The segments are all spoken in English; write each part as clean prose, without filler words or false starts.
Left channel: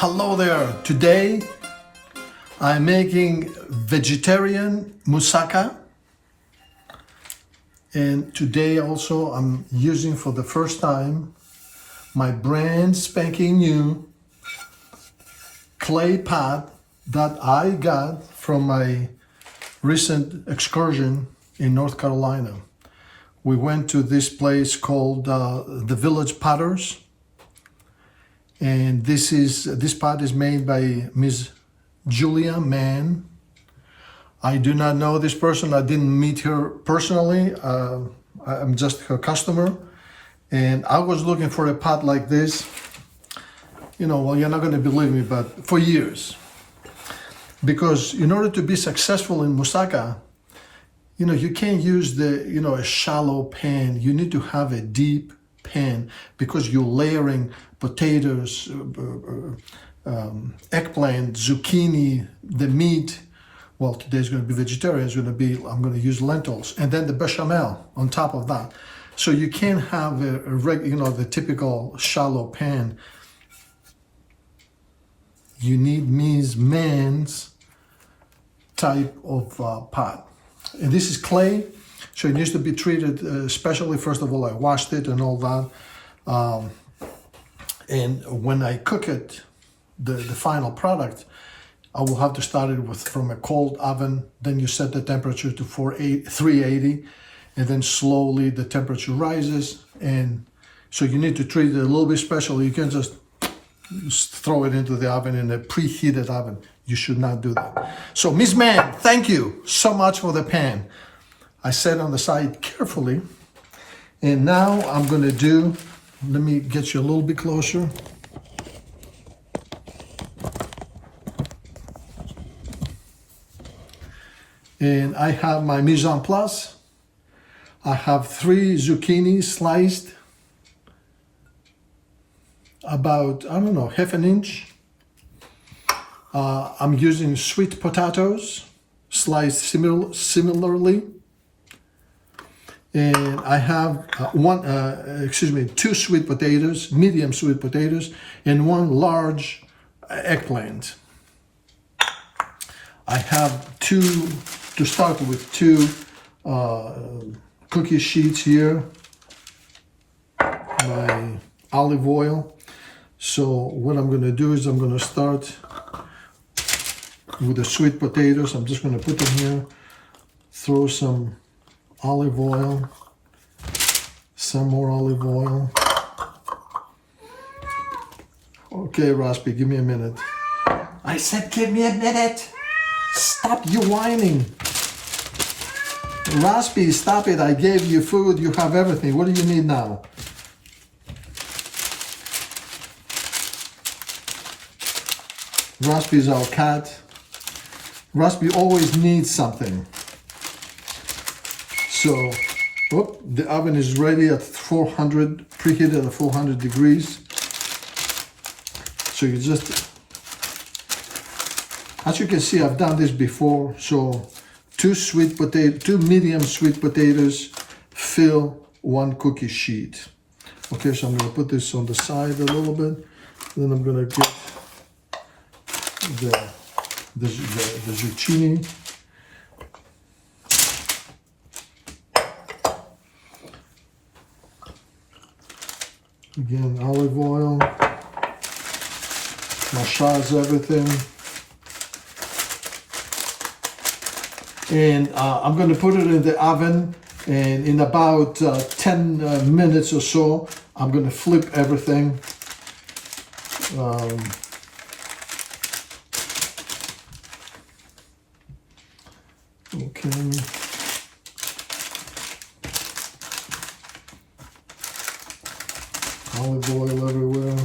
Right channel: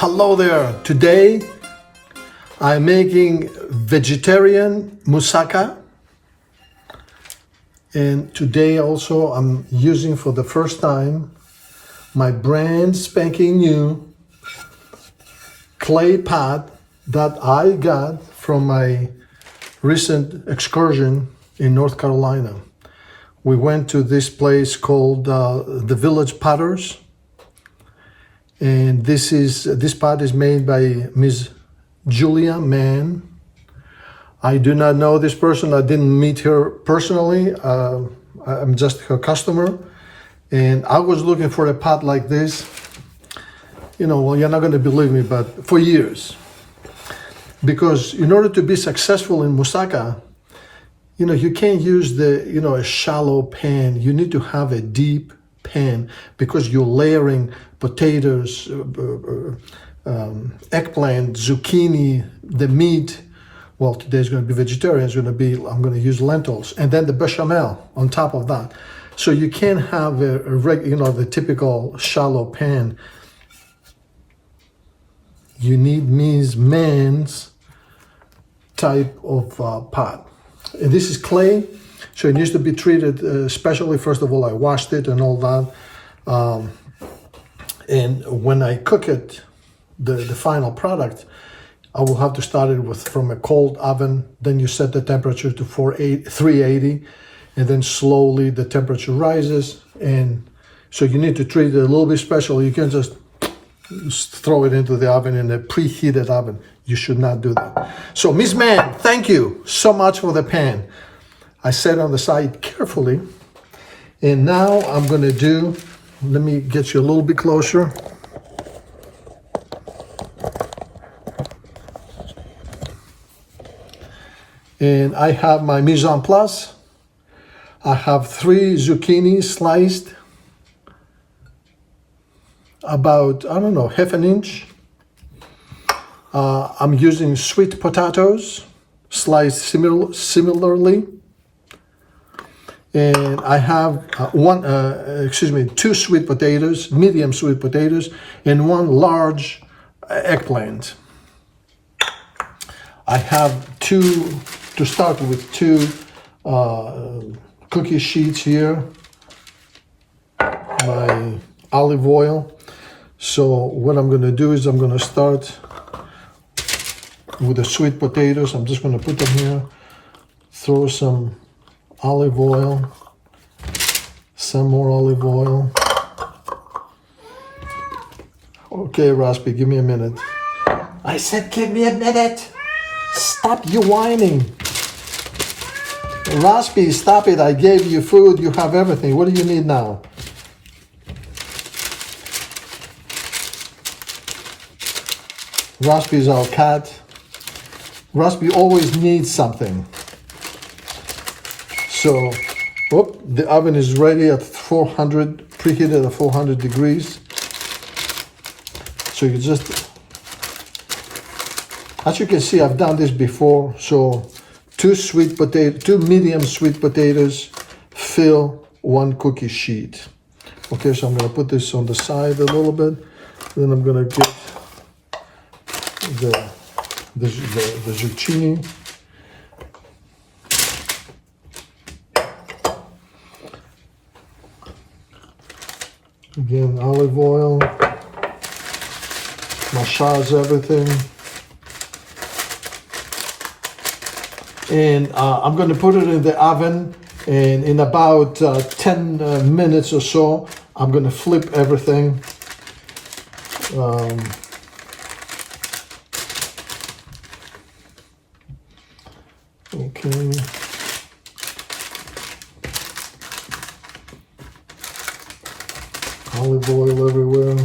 Hello there. Today I'm making vegetarian moussaka, and today also I'm using for the first time my brand spanking new clay pot that I got from my recent excursion in North Carolina. We went to this place called the Village Potters. And this pot is made by Miss Julia Mann. I do not know this person. I didn't meet her personally. I'm just her customer. And I was looking for a pot like this. You know, well, you're not going to believe me, but for years. Because in order to be successful in Mousaka, you know, you can't use a shallow pan. You need to have a deep pan because you're layering potatoes, eggplant, zucchini, the meat. Well, today's going to be vegetarian. I'm going to use lentils, and then the bechamel on top of that. So you can't have the typical shallow pan. You need Ms. Mann's type of pot. And this is clay, so it needs to be treated especially. First of all, I washed it and all that. And when I cook it, the final product, I will have to start it from a cold oven. Then you set the temperature to 380, and then slowly the temperature rises. And so you need to treat it a little bit special. You can't just throw it into the oven in a preheated oven. You should not do that. So Ms. Mann, thank you so much for the pan. I set it on the side carefully. And now I'm going to do, let me get you a little bit closer. And I have my mise en place. I have 3 zucchini sliced about, I don't know, half an inch. I'm using sweet potatoes sliced similarly. And I have 2 sweet potatoes, medium sweet potatoes, and 1 large eggplant. I have to start with 2 cookie sheets here, my olive oil. So what I'm going to do is I'm going to start with the sweet potatoes. I'm just going to put them here, throw some olive oil, some more olive oil. Okay, Raspi, give me a minute. I said give me a minute. Stop you whining. Raspi, stop it. I gave you food. You have everything. What do you need now? Raspi is our cat. Raspi always needs something. So, the oven is ready at 400, preheated at 400 degrees. So you just, as you can see, I've done this before. So 2 medium sweet potatoes fill 1 cookie sheet. Okay, so I'm going to put this on the side a little bit. Then I'm going to get the zucchini. Again, olive oil, massage everything. And I'm going to put it in the oven, and in about 10 minutes or so, I'm going to flip everything. Okay. Olive oil everywhere.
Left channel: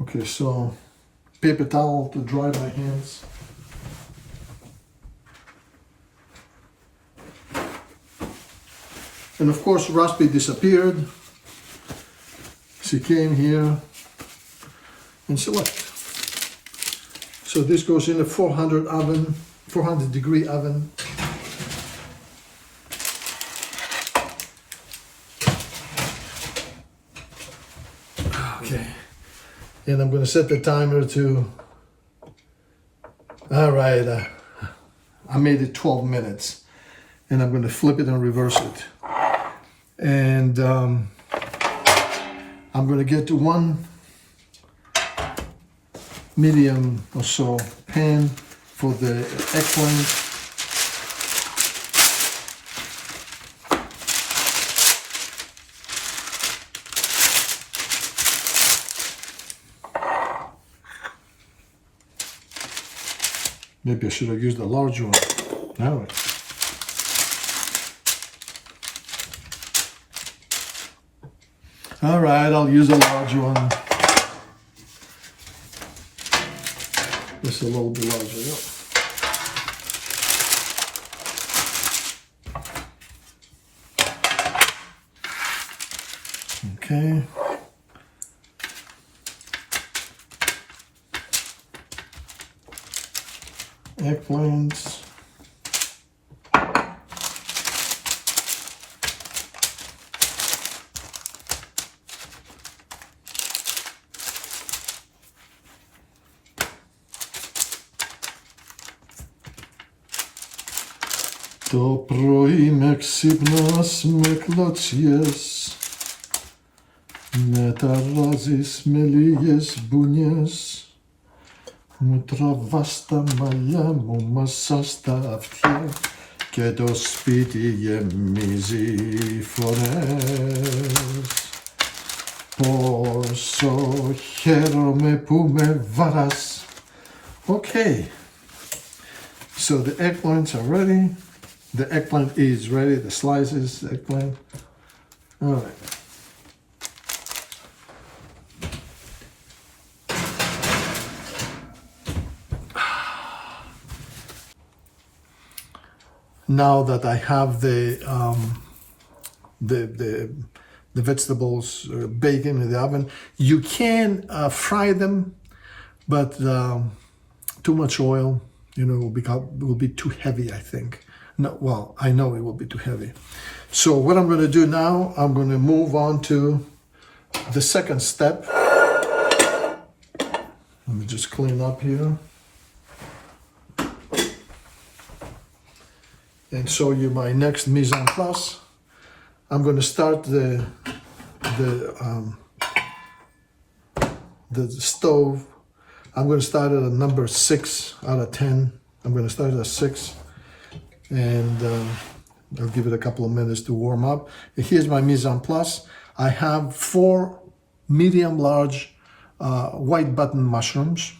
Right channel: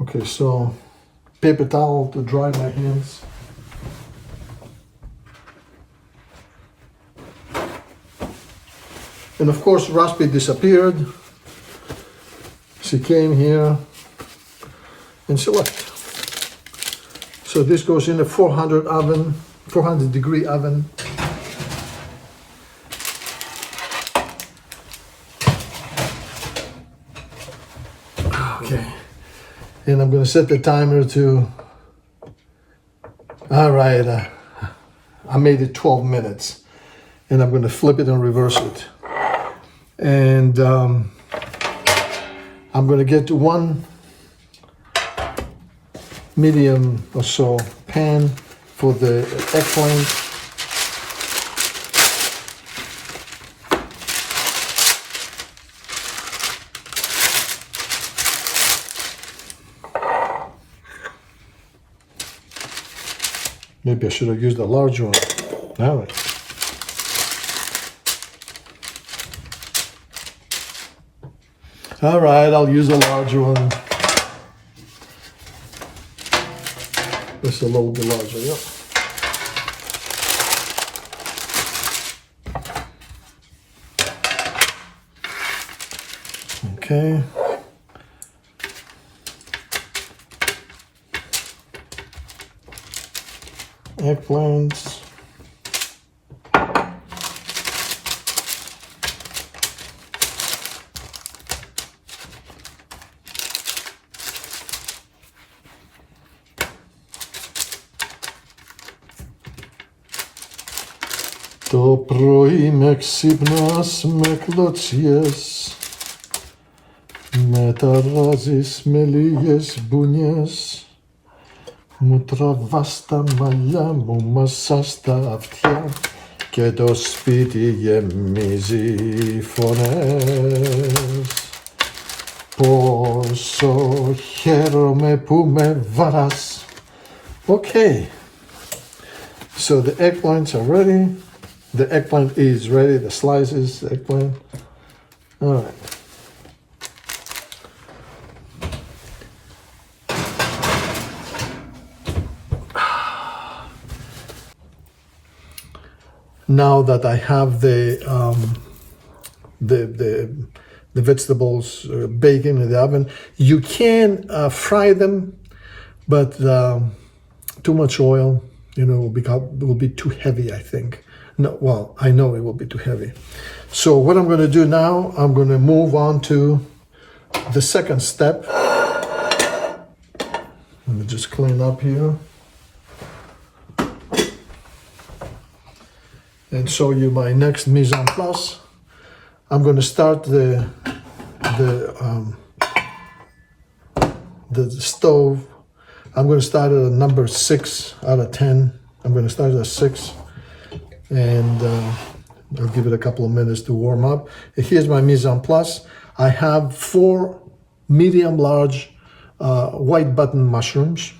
Okay, so paper towel to dry my hands. And of course, Raspi disappeared. She came here and she left. So this goes in a 400 degree oven. And I'm going to set the timer to, all right, I made it 12 minutes. And I'm going to flip it and reverse it. And I'm going to get to one medium or so pan for the eggplant. Maybe I should have used a large one. All right. All right, I'll use a large one. Just a little bit larger, yeah. Okay. Eggplants. Το πρωί με ξύπνας με κλωτσιές, με ταράζεις με λίγες μπουνιές, μου τραβάς τα μαλλιά μου, μασάς τα αυτιά και το σπίτι γεμίζει φωνές. Πόσο χαίρομαι που με βαράς. Okay, so the eggplants are ready. The eggplant is ready, the slices, the eggplant. All right. Now that I have the vegetables baking in the oven, you can fry them, but too much oil, you know, will be too heavy, I think. No, well, I know it will be too heavy. So what I'm going to do now, I'm going to move on to the second step. Let me just clean up here and show you my next mise en place. I'm going to start the stove. I'm going to start at a number 6 out of 10. I'm going to start at 6. And I'll give it a couple of minutes to warm up. Here's my mise en place. I have 4 medium large white button mushrooms.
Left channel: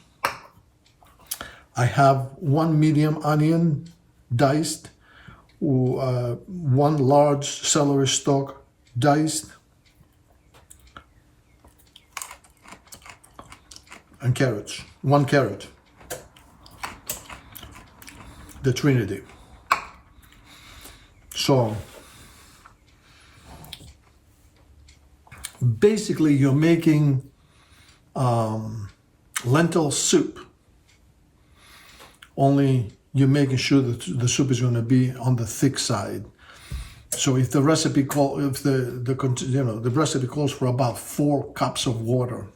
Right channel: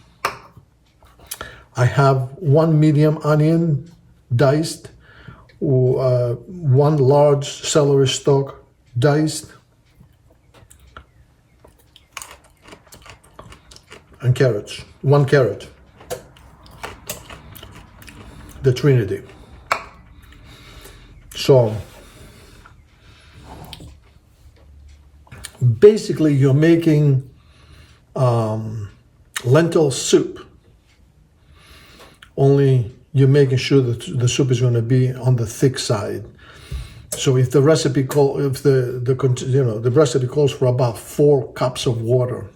I have 1 medium onion diced, 1 large celery stalk diced, and carrots, 1 carrot, the Trinity. So basically you're making lentil soup, only you're making sure that the soup is going to be on the thick side. So if the recipe the recipe calls for about 4 cups of water,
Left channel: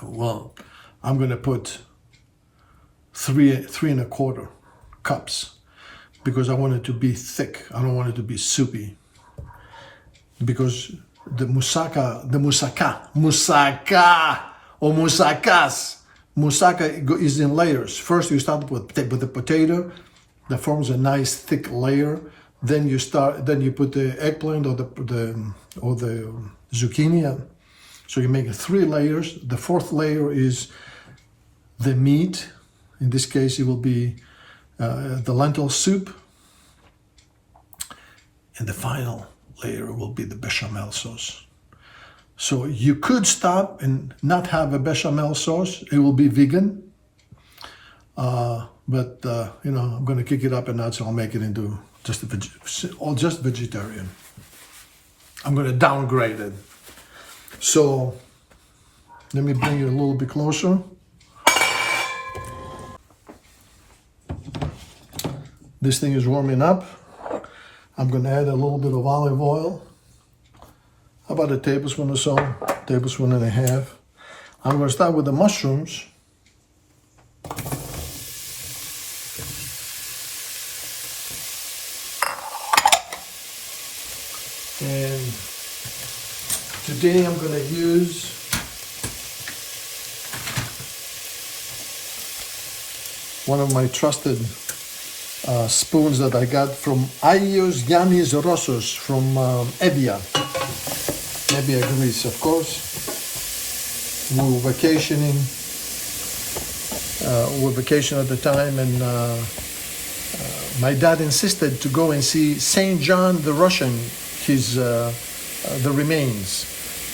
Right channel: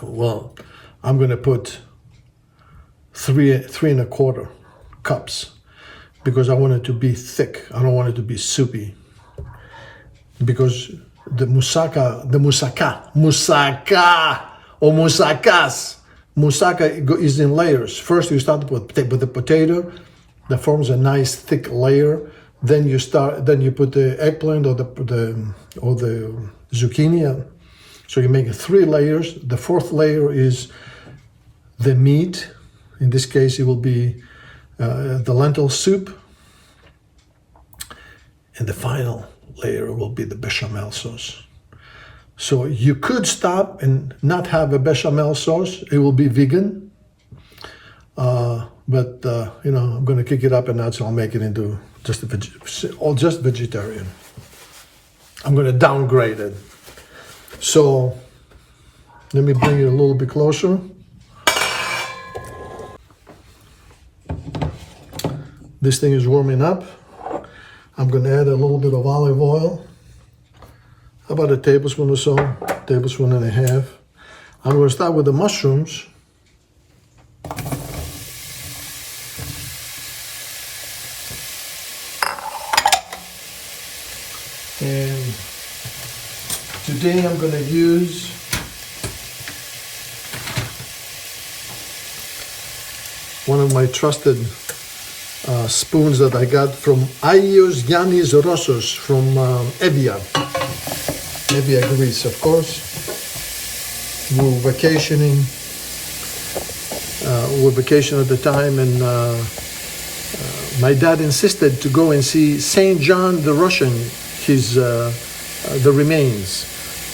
well, I'm going to put 3 1/4 cups. Because I want it to be thick. I don't want it to be soupy. Because the Mousaka or Mousakás, Mousaka is in layers. First you start with the potato that forms a nice thick layer. Then you put the eggplant or the zucchini. So you make 3 layers. The 4th layer is the meat. In this case, it will be the lentil soup, and the final layer will be the bechamel sauce. So you could stop and not have a bechamel sauce. It will be vegan, but you know, I'm going to kick it up a notch. I'll make it into just vegetarian. I'm going to downgrade it. So let me bring it a little bit closer. This thing is warming up. I'm going to add a little bit of olive oil, about a tablespoon or so, tablespoon and a half. I'm going to start with the mushrooms. And today I'm going to use one of my trusted spoons that I got from Agios Giannis Rossos from Evia, Greece, of course. We were vacationing. We were vacationing at the time, and my dad insisted to go and see Saint John the Russian, the remains.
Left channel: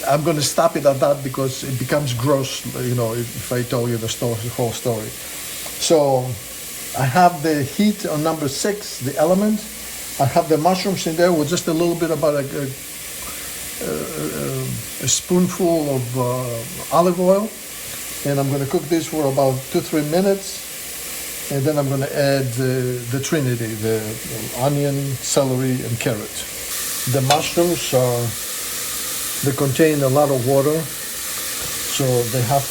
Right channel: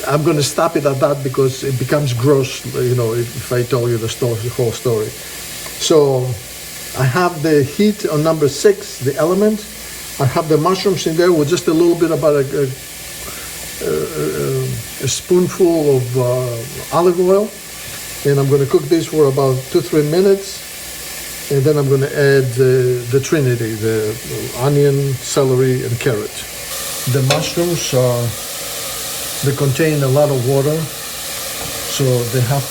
I'm going to stop it at that because it becomes gross, if I tell you the whole story. So I have the heat on number 6, the element. I have the mushrooms in there with just a little bit, about a spoonful of olive oil, and I'm going to cook this for about 2-3 minutes, and then I'm going to add the trinity, the onion, celery, and carrot. The mushrooms they contain a lot of water, so you have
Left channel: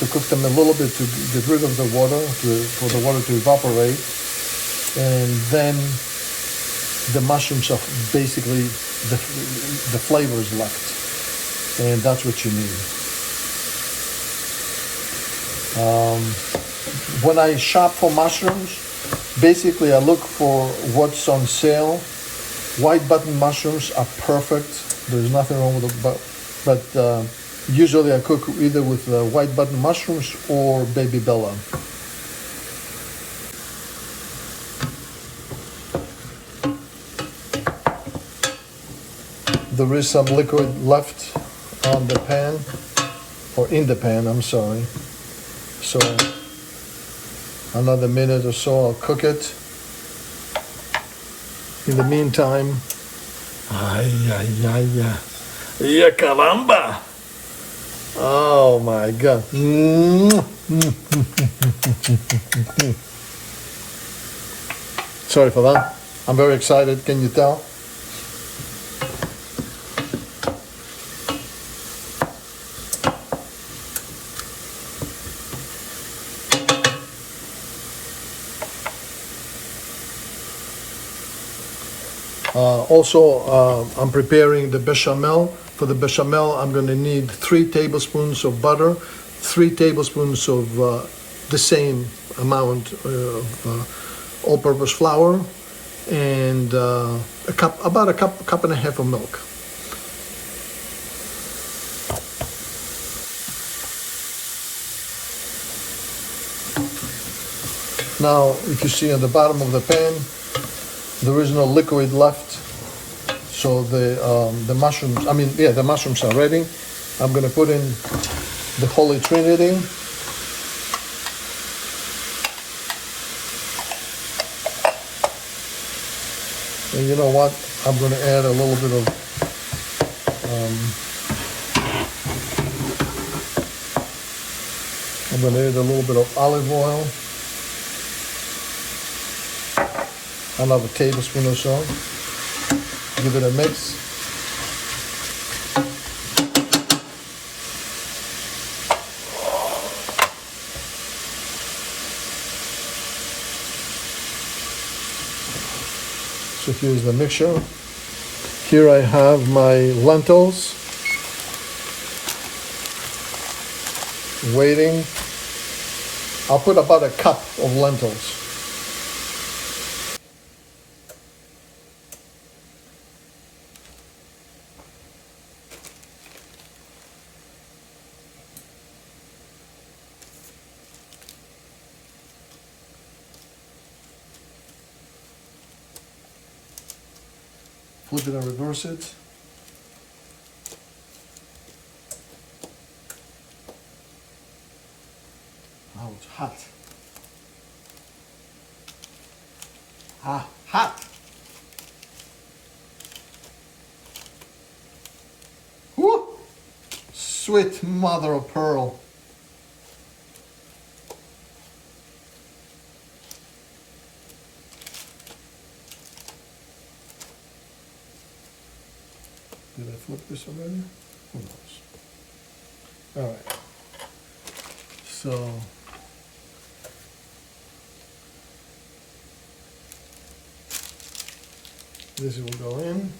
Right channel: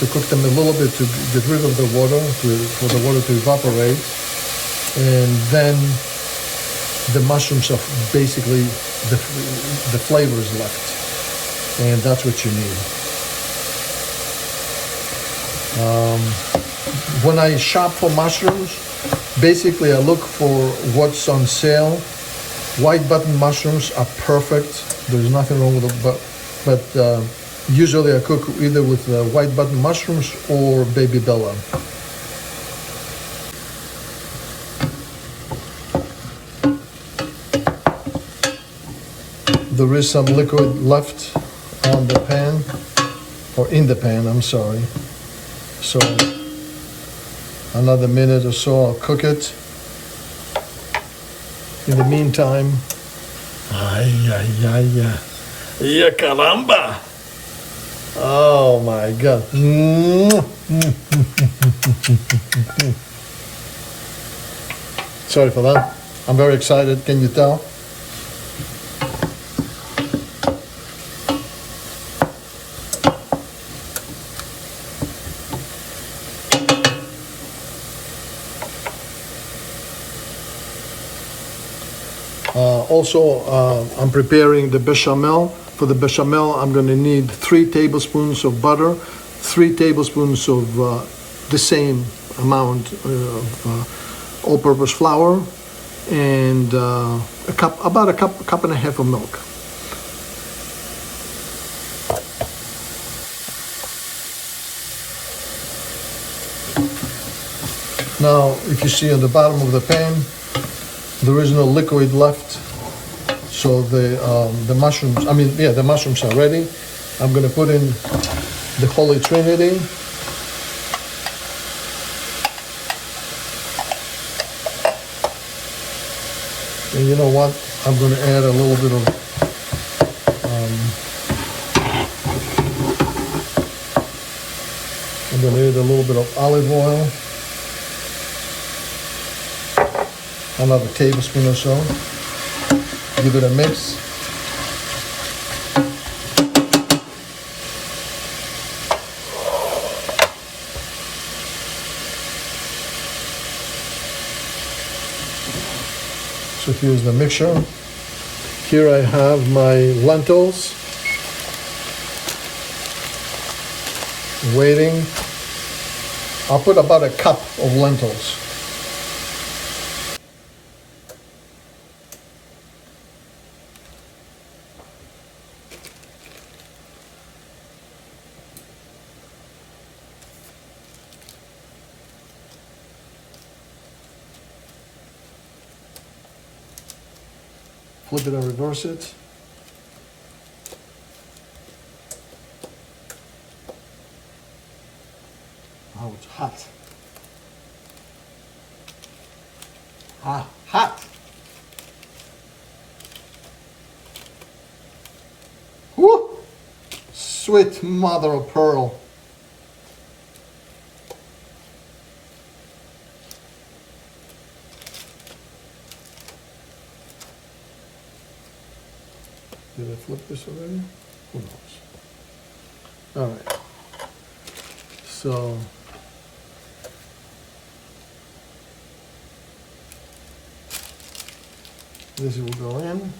to cook them a little bit to get rid of the water, for the water to evaporate, and then the mushrooms are basically the flavors left, and that's what you need. When I shop for mushrooms, basically I look for what's on sale. White button mushrooms are perfect. There's nothing wrong with them, but usually I cook either with white button mushrooms or baby bella. There is some liquid left on the pan, or in the pan, I'm sorry. So another minute or so I'll cook it. In the meantime, ya caramba! Oh my God. Sorry for that. I'm very excited, can you tell? I'm preparing the bechamel. For the bechamel, I'm going to need 3 tablespoons of butter, 3 tablespoons of the same amount of all-purpose flour, and about a cup and a half of milk. Now, if you see on the bottom of the pan, there is no liquid left. So the mushrooms, the mushrooms are ready. I'm going to put in the Holy Trinity. And you know what? I'm going to add a little bit of olive oil, another tablespoon or so. Give it a mix. So here's the mixture. Here I have my lentils waiting. I'll put about a cup of lentils. Flip it and reverse it. Oh, it's hot. Hot. Whoo! Sweet mother of pearl. Did I flip this already? Who knows? All right. So this will go in.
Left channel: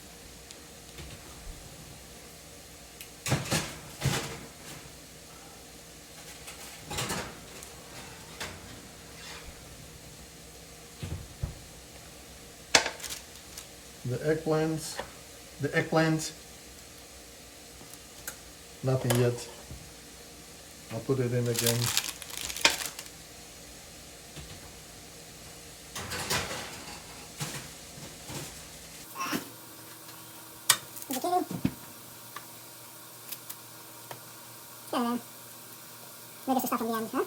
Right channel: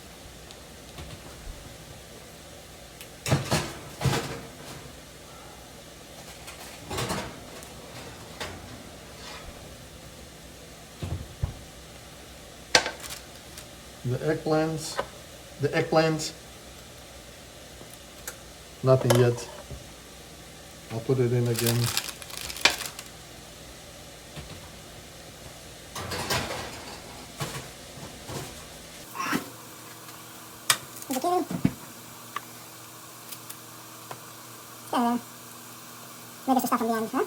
The eggplants, nothing yet. I'll put it in again. Zucchini. Yeah, maybe some stuff on the end, huh?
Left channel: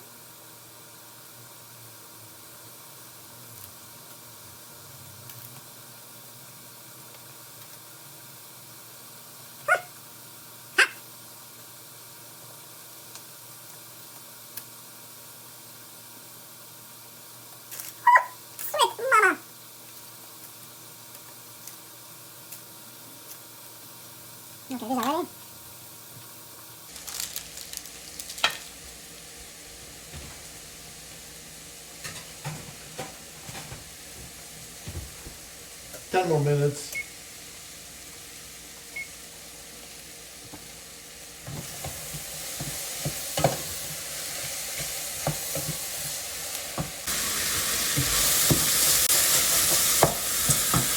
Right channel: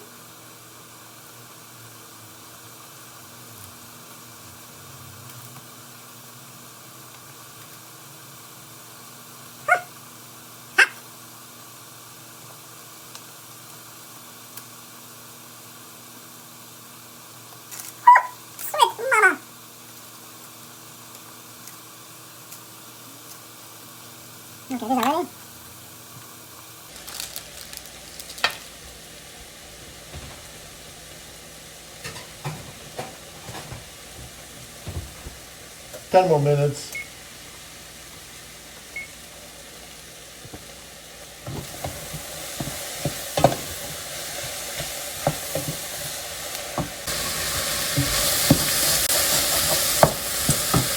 Okay, these are ready. Ten more minutes.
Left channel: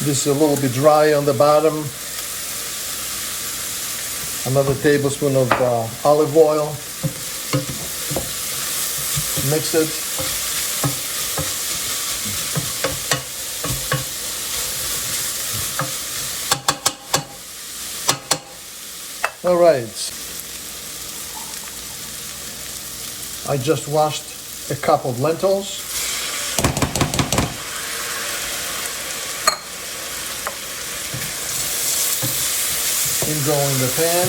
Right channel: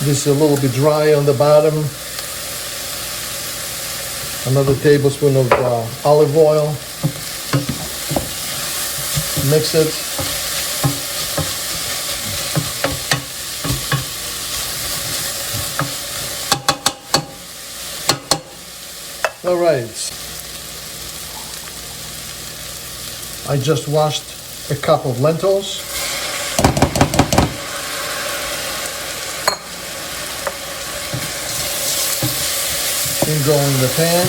This is a little bit dry on the bottom. Another tablespoon of olive oil. Mix it. All right. I just washed a cup of lentils. And go in the pan.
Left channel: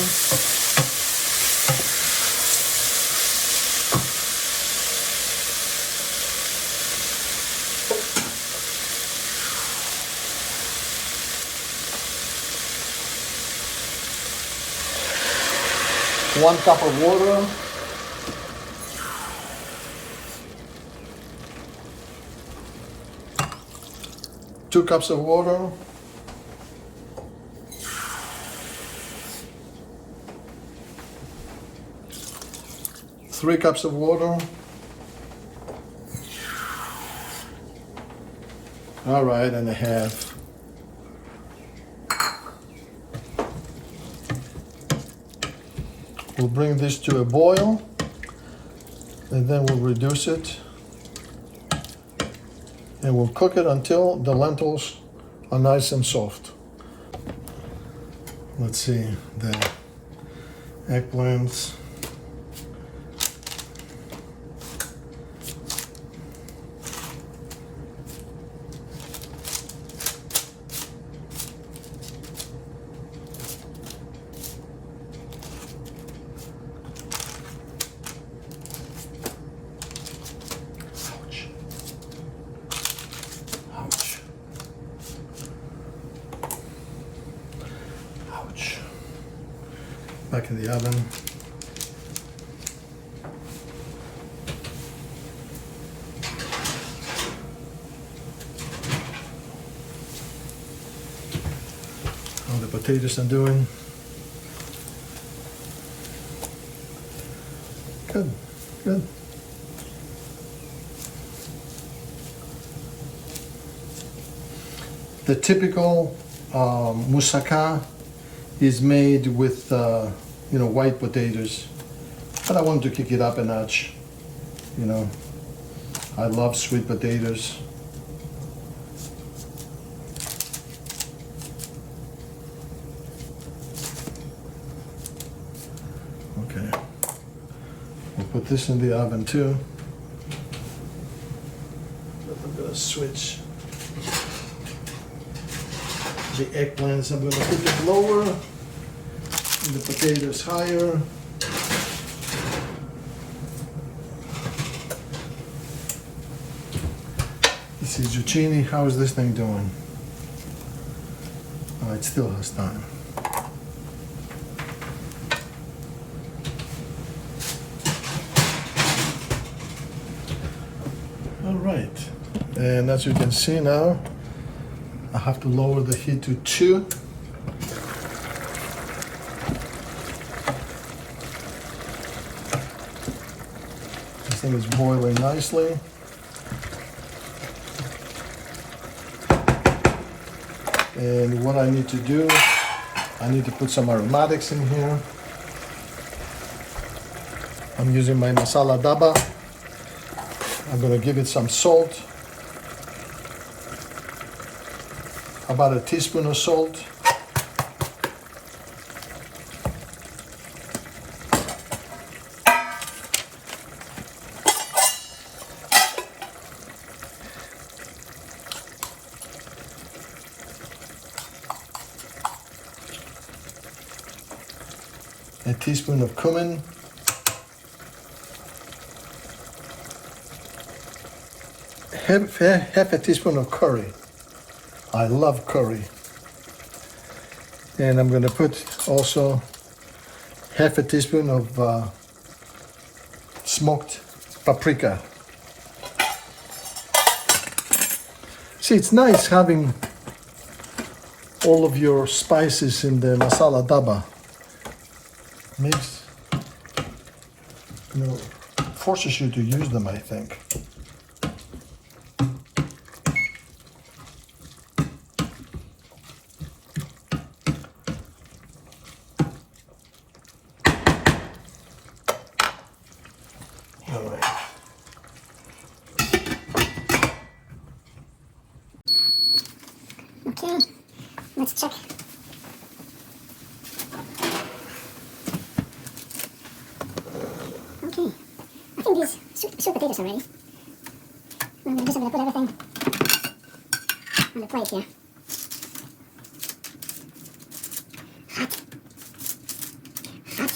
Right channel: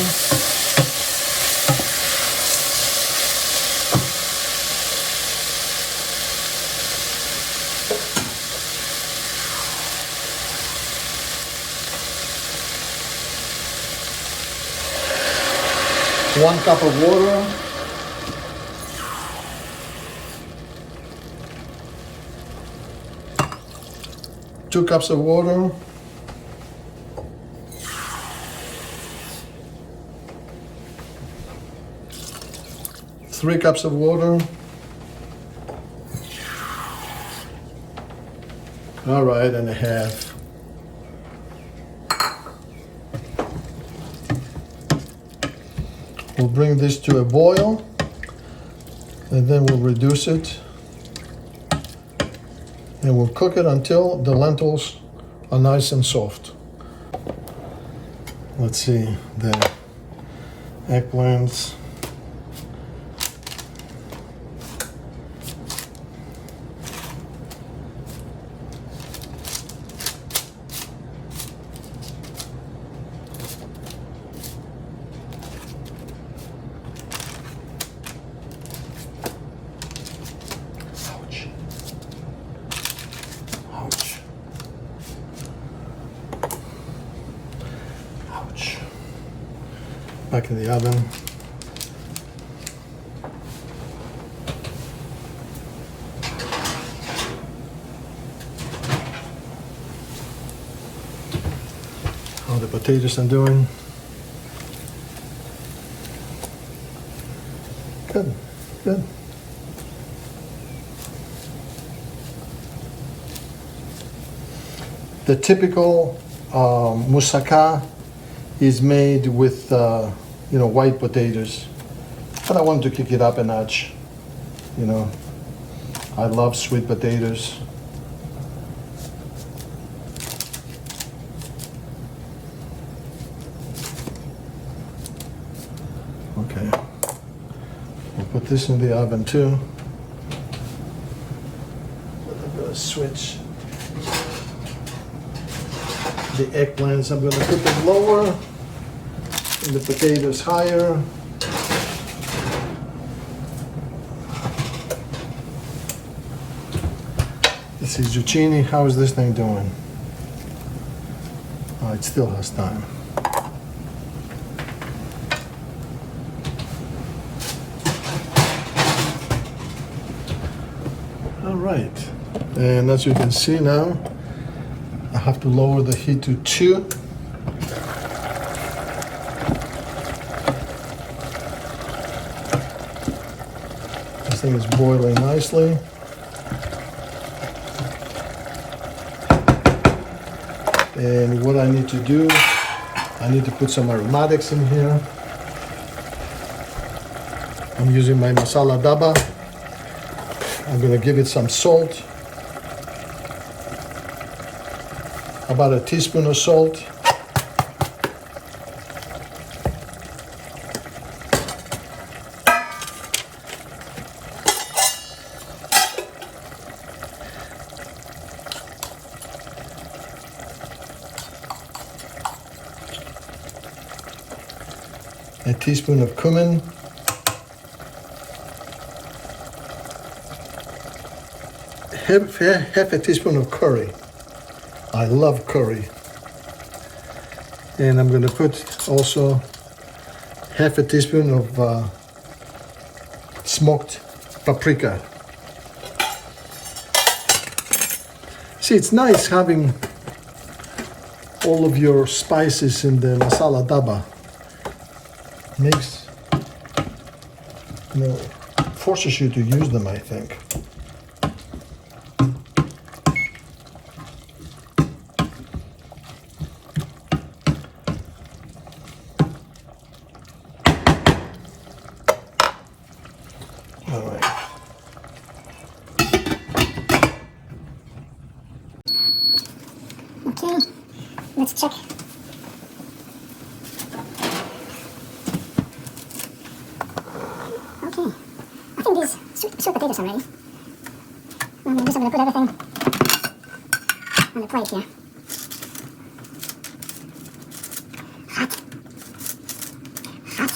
One cup of water. Two cups of water. 3 cups of water. All right, and a half. We'll bring this to a boil, and then we'll reduce it, and we'll cook it until the lentils are nice and soft. Let's see, the eggplants. Back in the oven. How the potatoes are doing. Good, good. The typical Mousaka is made with white potatoes, but I wanted to kick it up a notch. I love sweet potatoes. Okay, we'll put this in the oven too. I'm gonna switch the eggplants. I'm gonna put them lower and the potatoes higher. Let's see, zucchini, how is this thing doing? Oh, it still has time. right, and as you can see now, I have to lower the heat to 2. This thing is boiling nicely. And what I need to do, I need to put some aromatics in here. I'm using my masala daba. I'm going to give it some salt. About a teaspoon of salt. A teaspoon of cumin. Half a teaspoon of curry. I love curry. And I'm going to put also half a teaspoon of smoked paprika. See, it's nice having all of your spices in the masala daba. Makes, forces you to use them, I think. All right. Okay, let's check. Okay, I think these sweet potatoes are ready. I'm going to put everything on the plate here. Hot. Hot.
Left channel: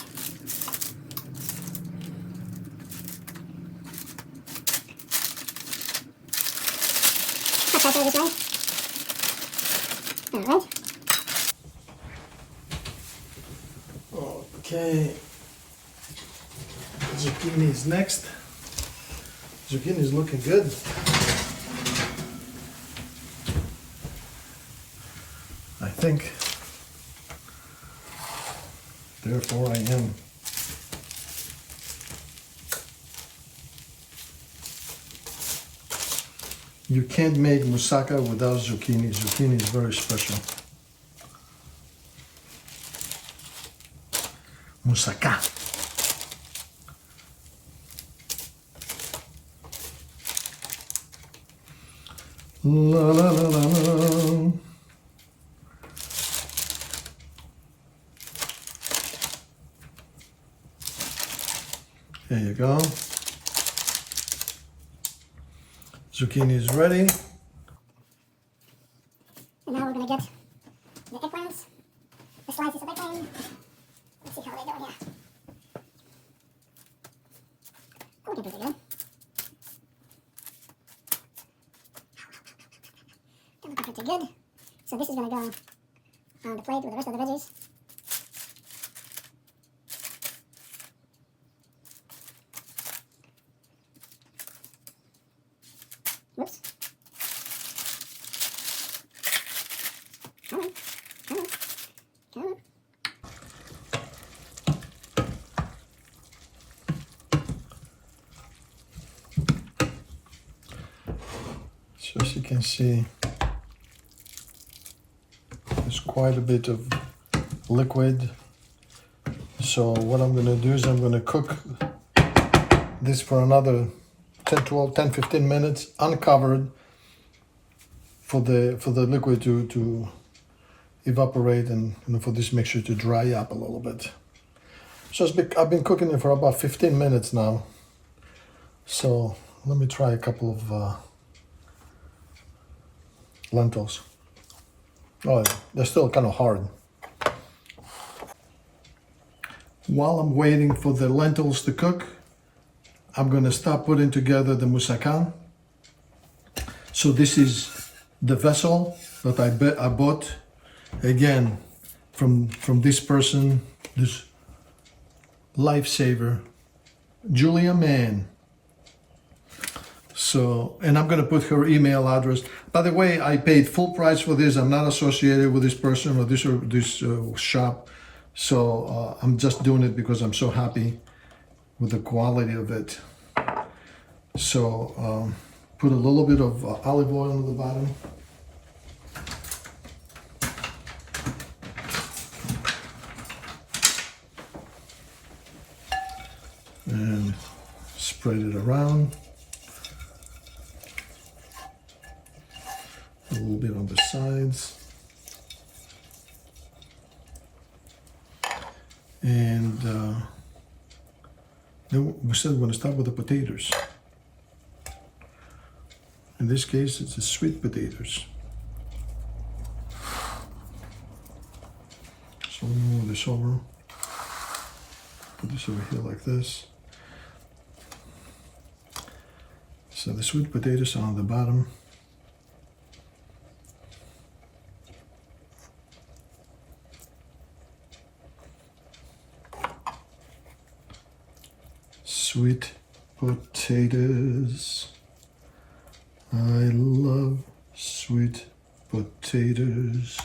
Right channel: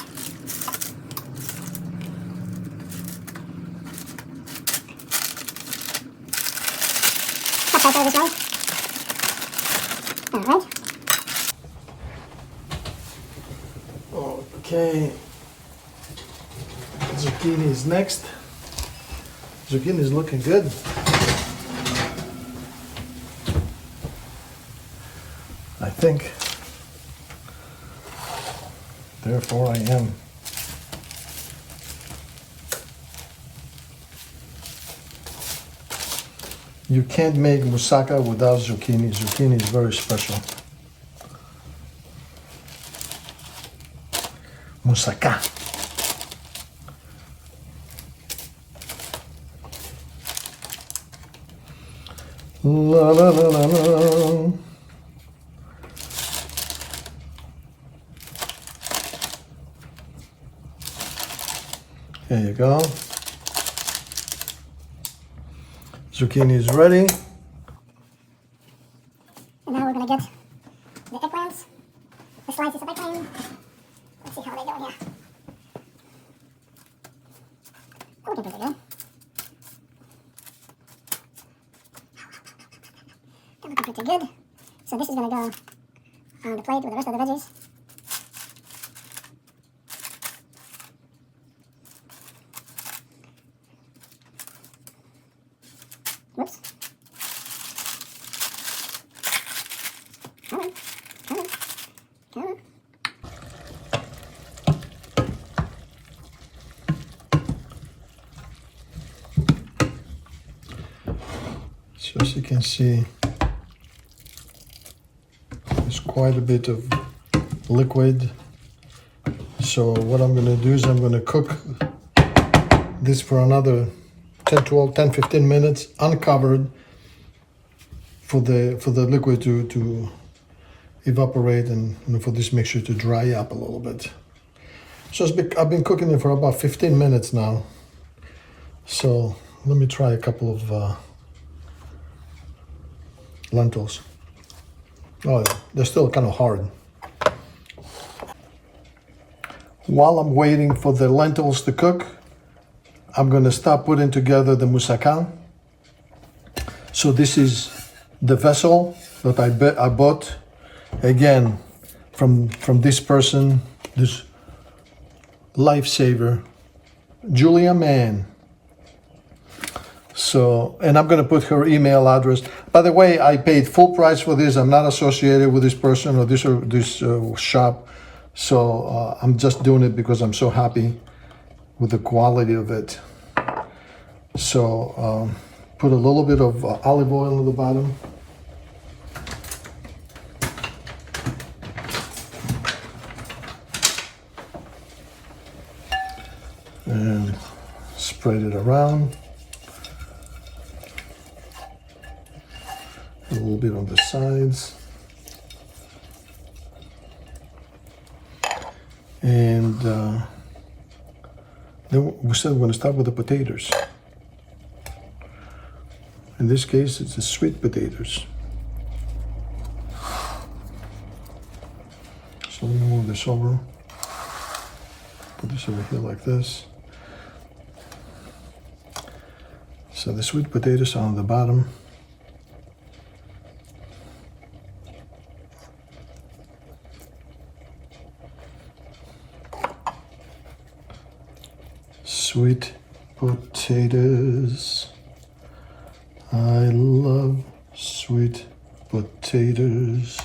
Hot pepper this way. All right. Okay. Zucchini is next. Zucchini is looking good. I think. Therefore I am. You can't make moussaka without zucchini. Zucchini is very special. Moussaka. La la la la la. There you go. Zucchini is ready. And now we're going to get the eggplants, the slices of eggplant. Let's see how they go here. Looking pretty good. They're looking pretty good. So this is going to go on the plate with the rest of the veggies. Whoops. Come on, come on, come on. So as you can see, there's quite a bit of liquid. So what I'm going to do is I'm going to cook this for another 10, 15 minutes uncovered for the liquid to evaporate and for this mixture to dry up a little bit. So I've been cooking it for about 15 minutes now. So let me try a couple of lentils. Oh, they're still kind of hard. While I'm waiting for the lentils to cook, I'm going to start putting together the moussaka. So this is the vessel that I bought, again, from this person, this lifesaver, Julia Mann. So, and I'm going to put her email address. By the way, I paid full price for this. I'm not associated with this person or this shop. So I'm just doing it because I'm so happy with the quality of it. So put a little bit of olive oil at the bottom. And spread it around. A little bit on the sides. And then we said we're going to start with the potatoes. In this case, it's the sweet potatoes. So let me move this over. Put this over here like this. So the sweet potatoes are on the bottom. Sweet potatoes. I love sweet potatoes.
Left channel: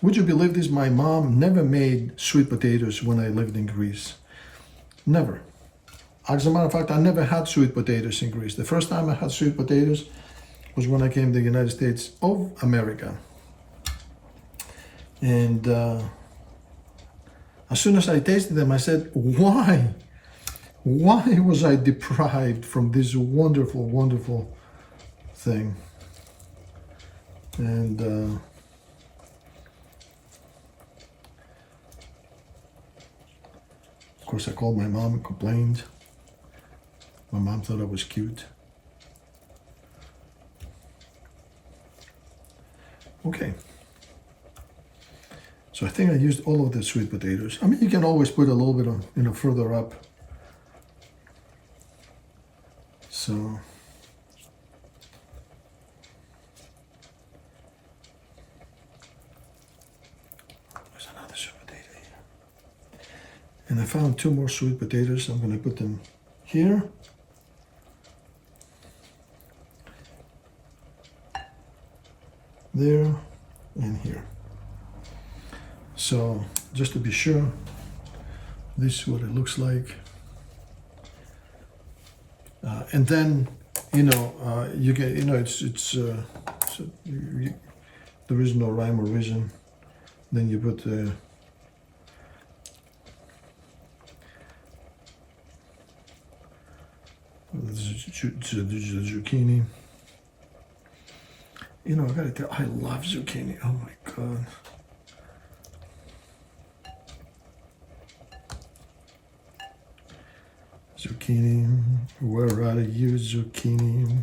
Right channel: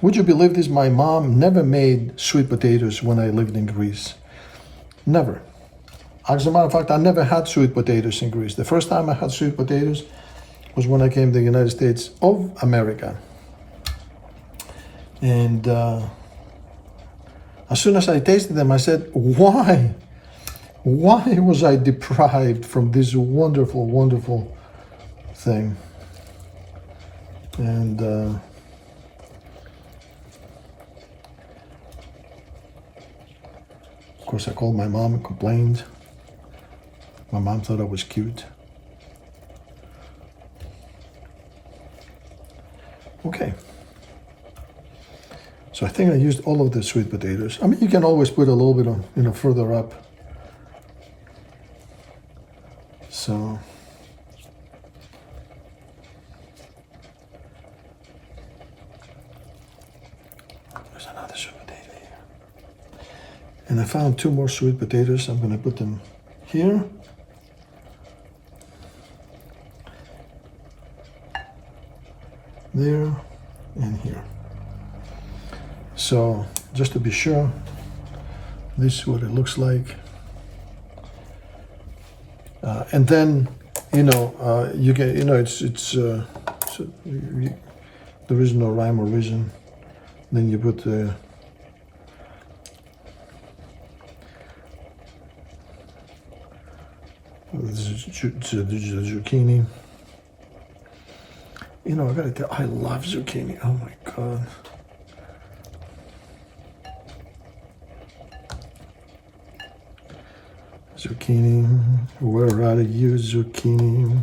Would you believe this? My mom never made sweet potatoes when I lived in Greece. Never. As a matter of fact, I never had sweet potatoes in Greece. The first time I had sweet potatoes was when I came to the United States of America. And as soon as I tasted them, I said, why? Why was I deprived from this wonderful, wonderful thing? And of course, I called my mom and complained. My mom thought I was cute. Okay. So I think I used all of the sweet potatoes. I mean, you can always put a little bit on, further up. So there's another sweet potato here. And I found 2 more sweet potatoes. I'm going to put them here. There and here. So just to be sure, this is what it looks like. And then, you get, there is no rhyme or reason. Then you put the zucchini. I gotta tell, I love zucchini. Oh my God. Zucchini, where are you, zucchini?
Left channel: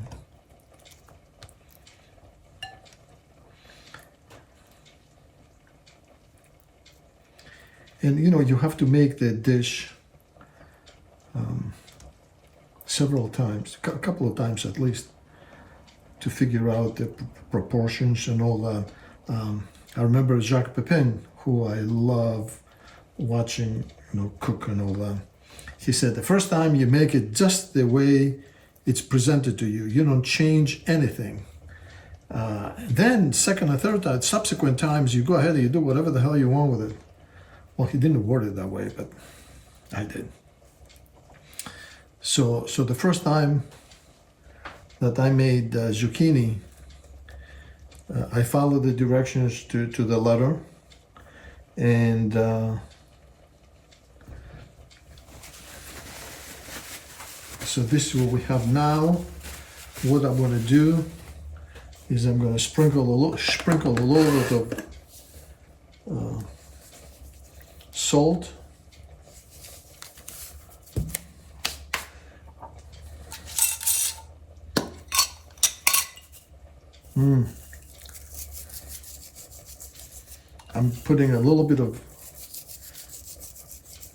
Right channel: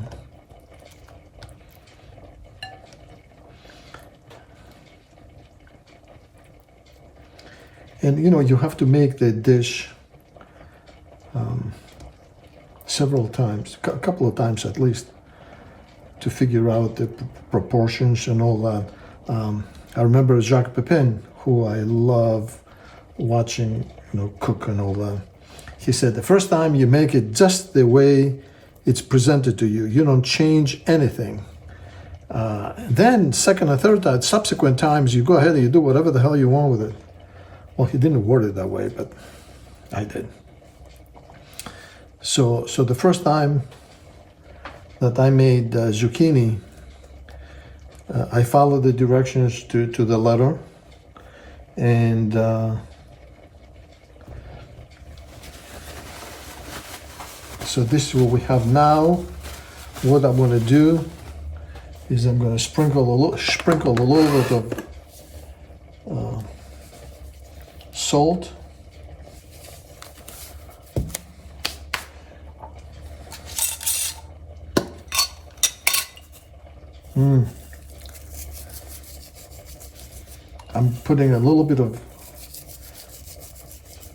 And you have to make the dish several times, a couple of times at least, to figure out the proportions and all that. I remember Jacques Pepin, who I love watching, cook and all that. He said, the first time you make it just the way it's presented to you. You don't change anything. Then second and third time, subsequent times, you go ahead and you do whatever the hell you want with it. Well, he didn't word it that way, but I did. So the first time that I made zucchini, I followed the directions to the letter. And so this is what we have now. What I'm going to do is I'm going to sprinkle a little bit of salt. I'm putting a little bit of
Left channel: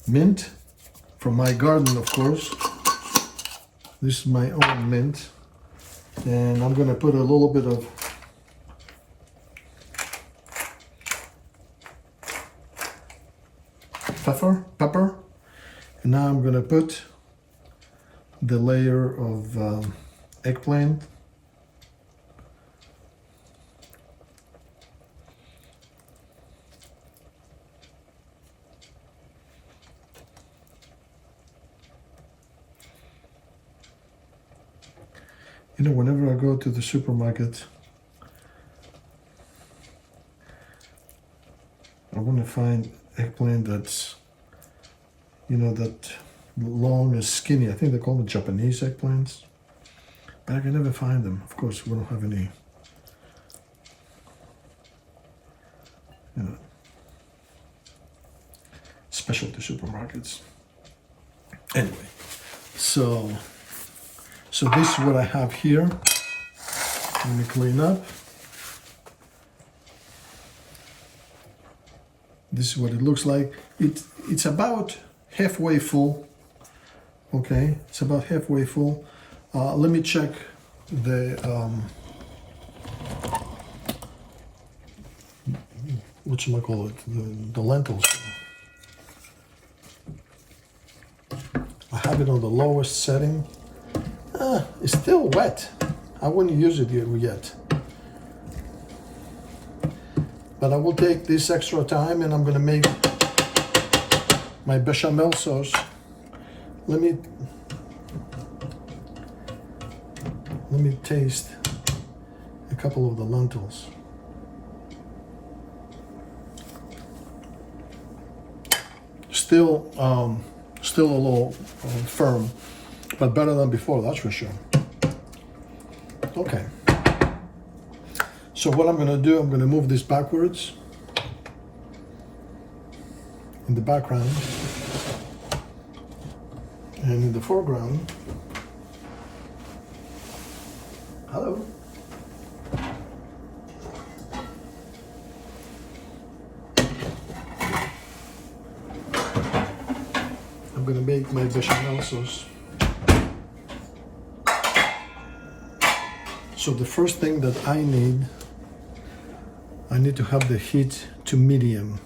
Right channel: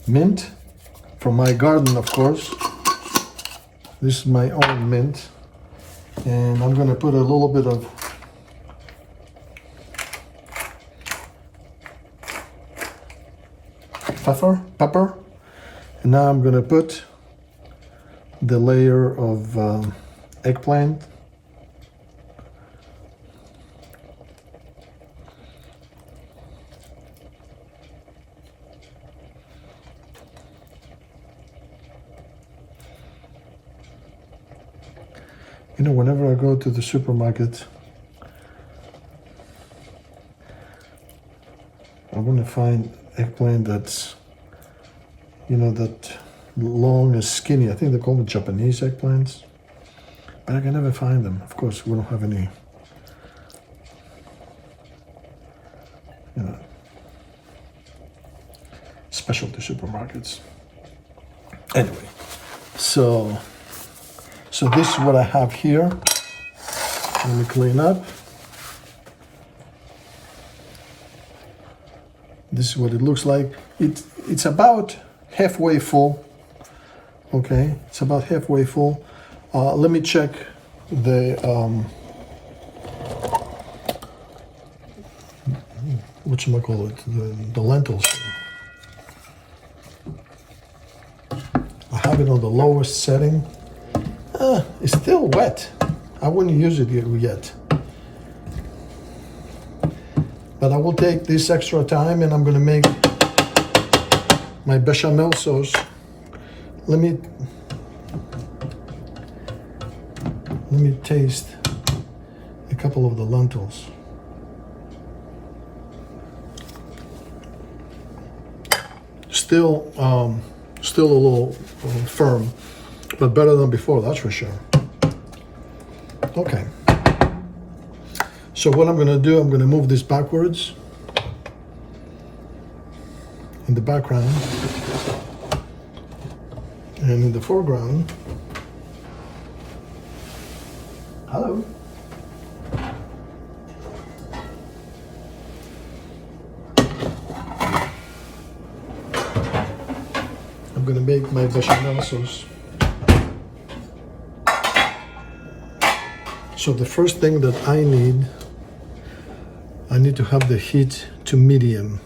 mint from my garden, of course. This is my own mint. And I'm going to put a little bit of pepper. And now I'm going to put the layer of eggplant. You know, whenever I go to the supermarket, I want to find eggplant that's, you know, that long and skinny. I think they call them Japanese eggplants, but I can never find them. Of course, we don't have any, you know, specialty supermarkets. Anyway, so this is what I have here. Let me clean up. This is what it looks like. It's about halfway full. Okay, it's about halfway full. Let me check the whatchamacallit, the lentils. I have it on the lowest setting. It's still wet. I wouldn't use it yet. But I will take this extra time and I'm going to make my bechamel sauce. Let me taste a couple of the lentils. Still a little firm, but better than before, that's for sure. Okay. So what I'm going to do, I'm going to move this backwards in the background, and in the foreground, hello. I'm going to make my bechamel sauce. So the first thing that I need to have the heat to medium.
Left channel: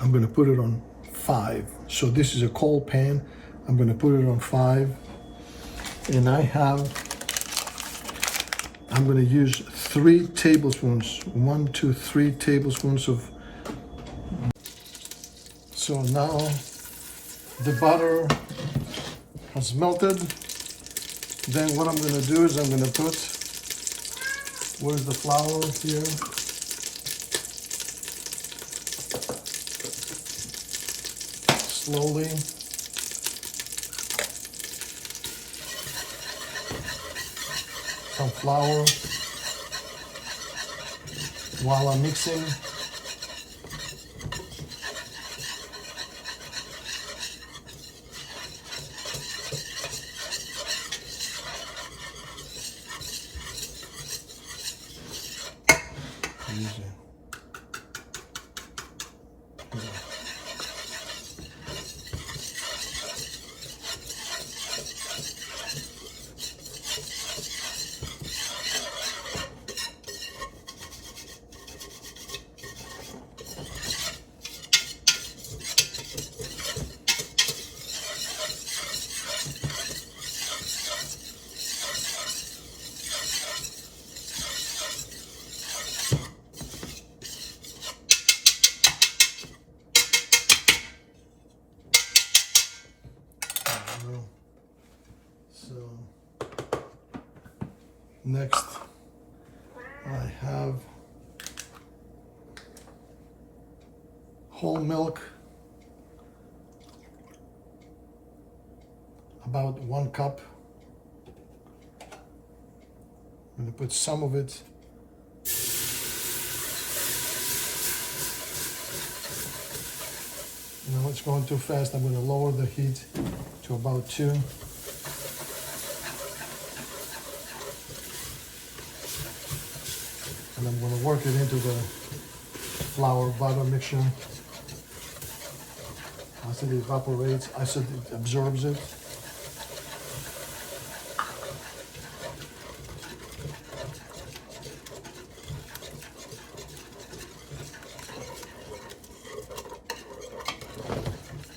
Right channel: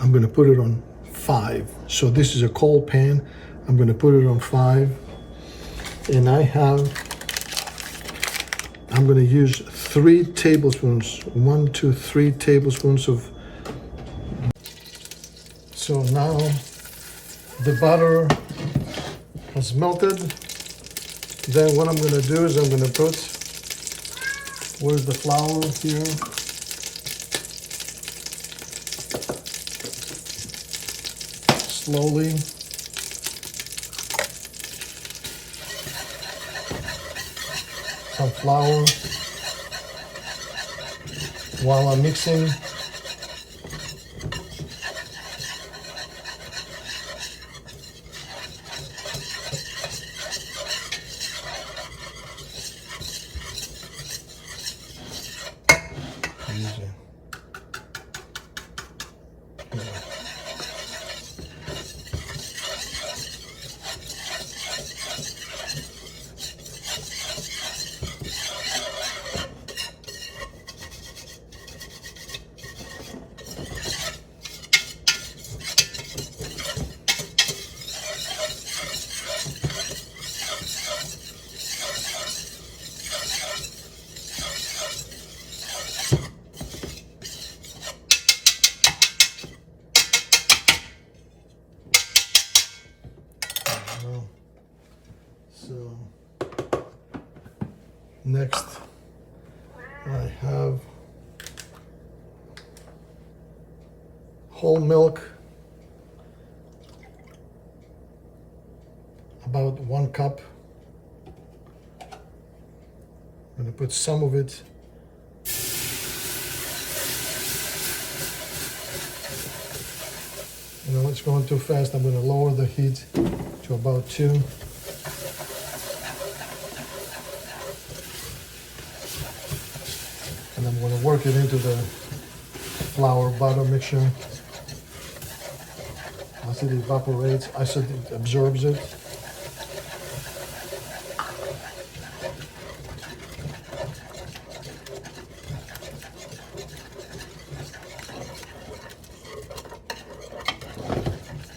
I'm going to put it on 5. So this is a cold pan. I'm going to put it on 5. And I'm going to use 3 tablespoons. 1, 2, 3 tablespoons of. So now the butter has melted. Then what I'm going to do is I'm going to put, where's the flour here? Slowly. Some flour while I'm mixing. Next, I have whole milk, about 1 cup. I'm going to put some of it. You know, it's going too fast. I'm going to lower the heat to about 2. And I'm going to work it into the flour butter mixture. As it evaporates, as it absorbs it.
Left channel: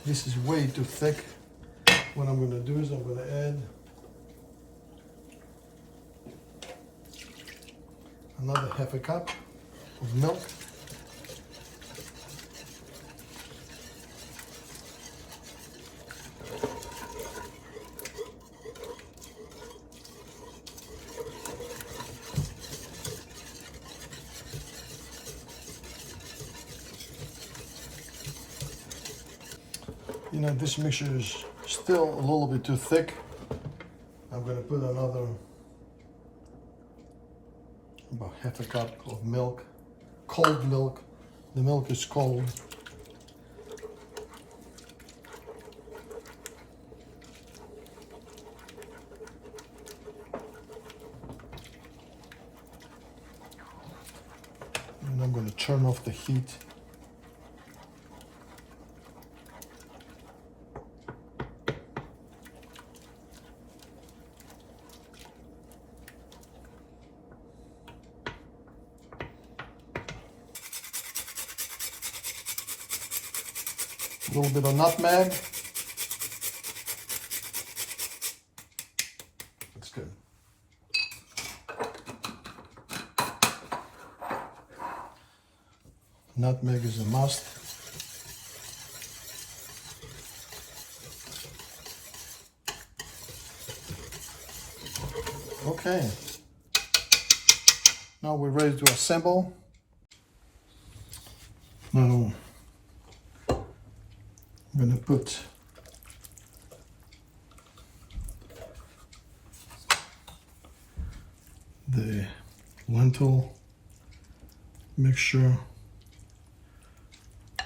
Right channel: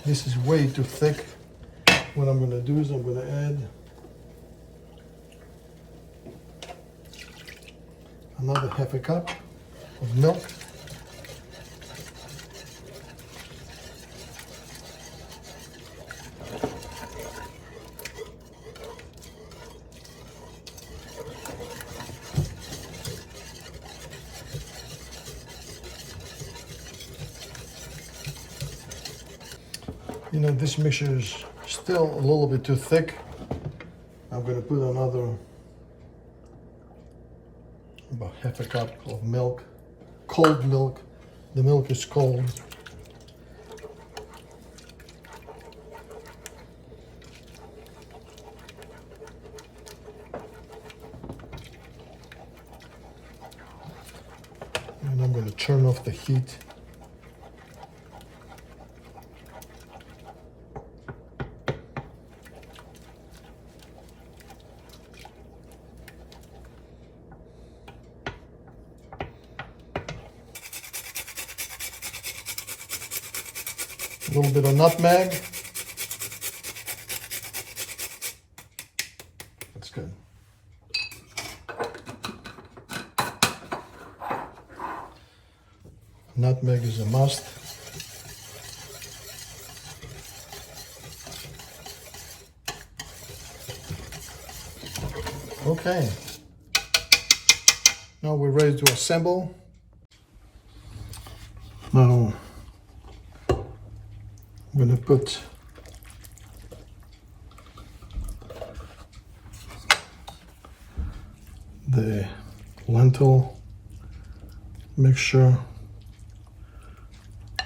This is way too thick. What I'm going to do is I'm going to add another half a cup of milk. You know, this mixture is still a little bit too thick. I'm going to put another about half a cup of milk, cold milk. The milk is cold. And I'm going to turn off the heat. A little bit of nutmeg. That's good. Nutmeg is a must. Okay. Now we're ready to assemble. Now I'm going to put the lentil mixture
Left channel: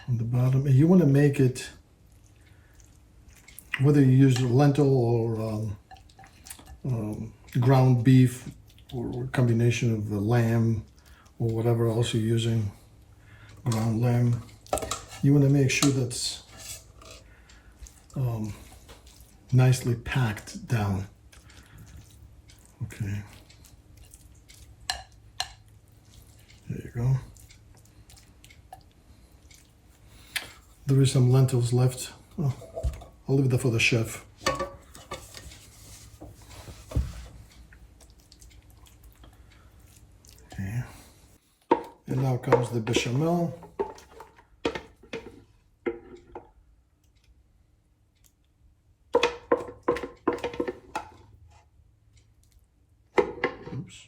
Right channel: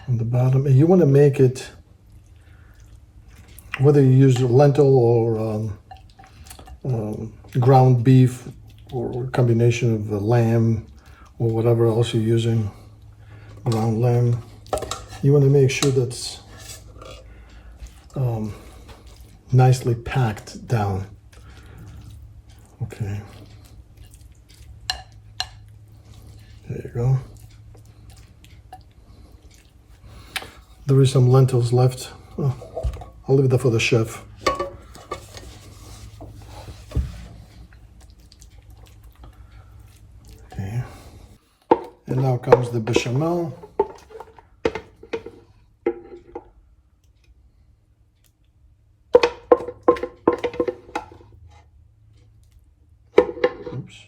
on the bottom. And you want to make it, whether you use lentil or ground beef or a combination of lamb or whatever else you're using, ground lamb, you want to make sure that's nicely packed down. Okay. There you go. There is some lentils left. Oh, I'll leave that for the chef. Okay. And now comes the bechamel. Oops.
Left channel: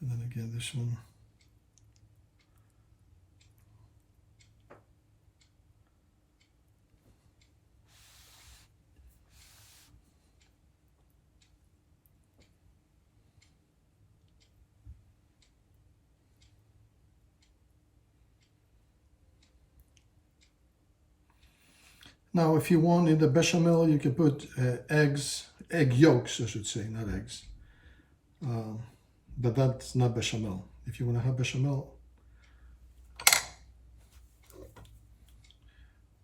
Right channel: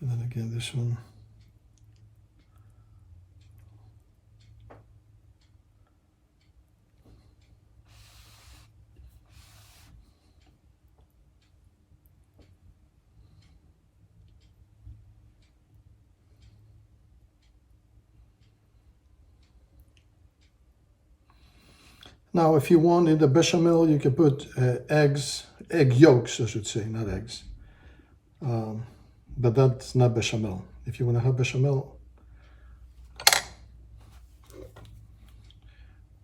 And then again, this one. Now, if you want in the bechamel, you can put egg yolks, I should say, not eggs. But that's not bechamel. If you want to have bechamel,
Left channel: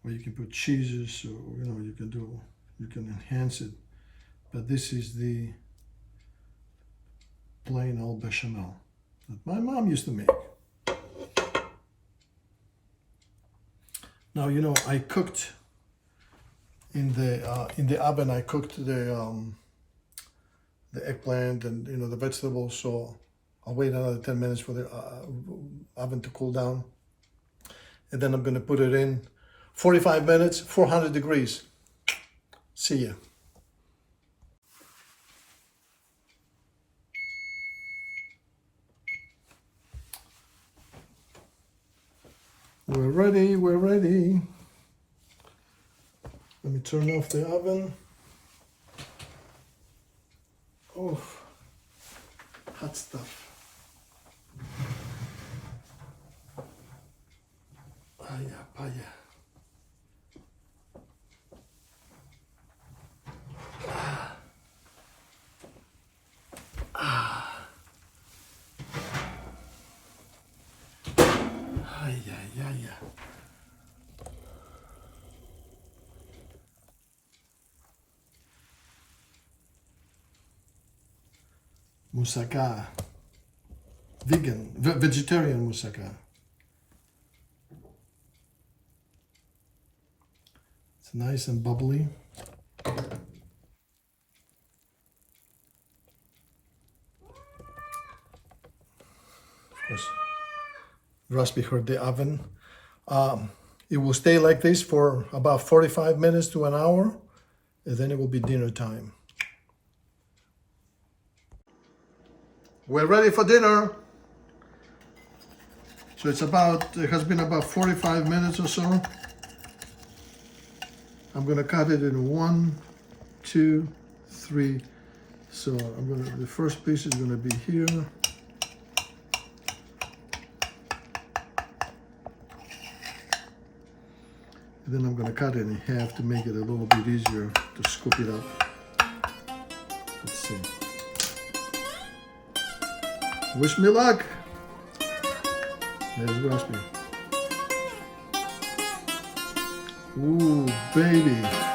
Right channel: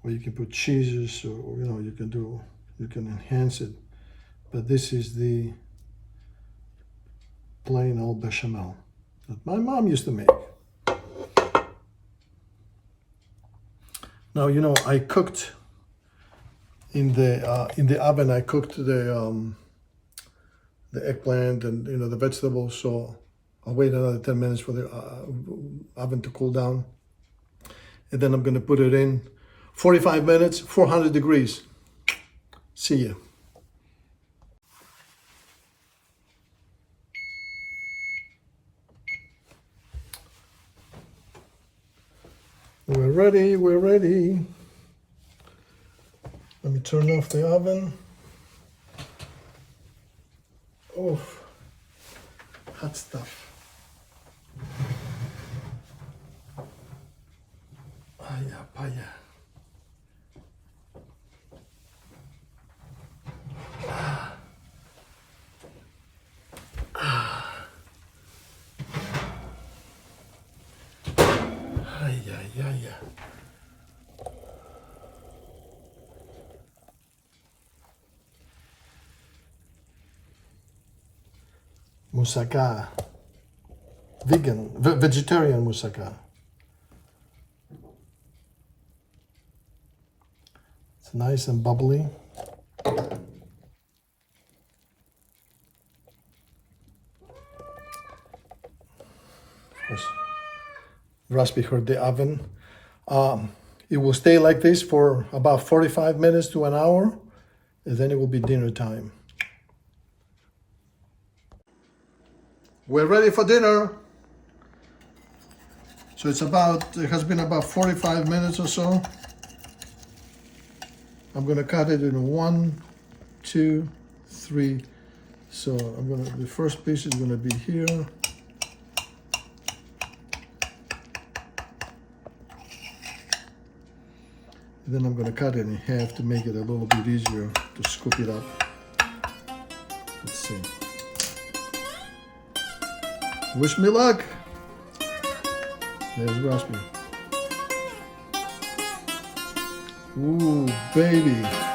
or you can put cheeses, or you can enhance it. But this is the plain old bechamel that my mom used to make. Now, I cooked in the oven. I cooked the eggplant and the vegetables, so I'll wait another 10 minutes for the oven to cool down, and then I'm going to put it in 45 minutes, 400 degrees. See ya. We're ready. Let me turn off the oven. Oh, hot stuff. Paya. Ay. Moussaka. Vegetarian Moussaka. It's nice and bubbly. Just behind the oven. It will stay like this for about 45 minutes to an hour, and then it will be dinner time. We're ready for dinner. So it has been about 45 minutes or so. I'm gonna cut it in 1, 2, 3. So the first piece is gonna be here. Then I'm going to cut it in half to make it a little bit easier to scoop it up. Let's see. Wish me luck. There's recipe. Ooh, baby.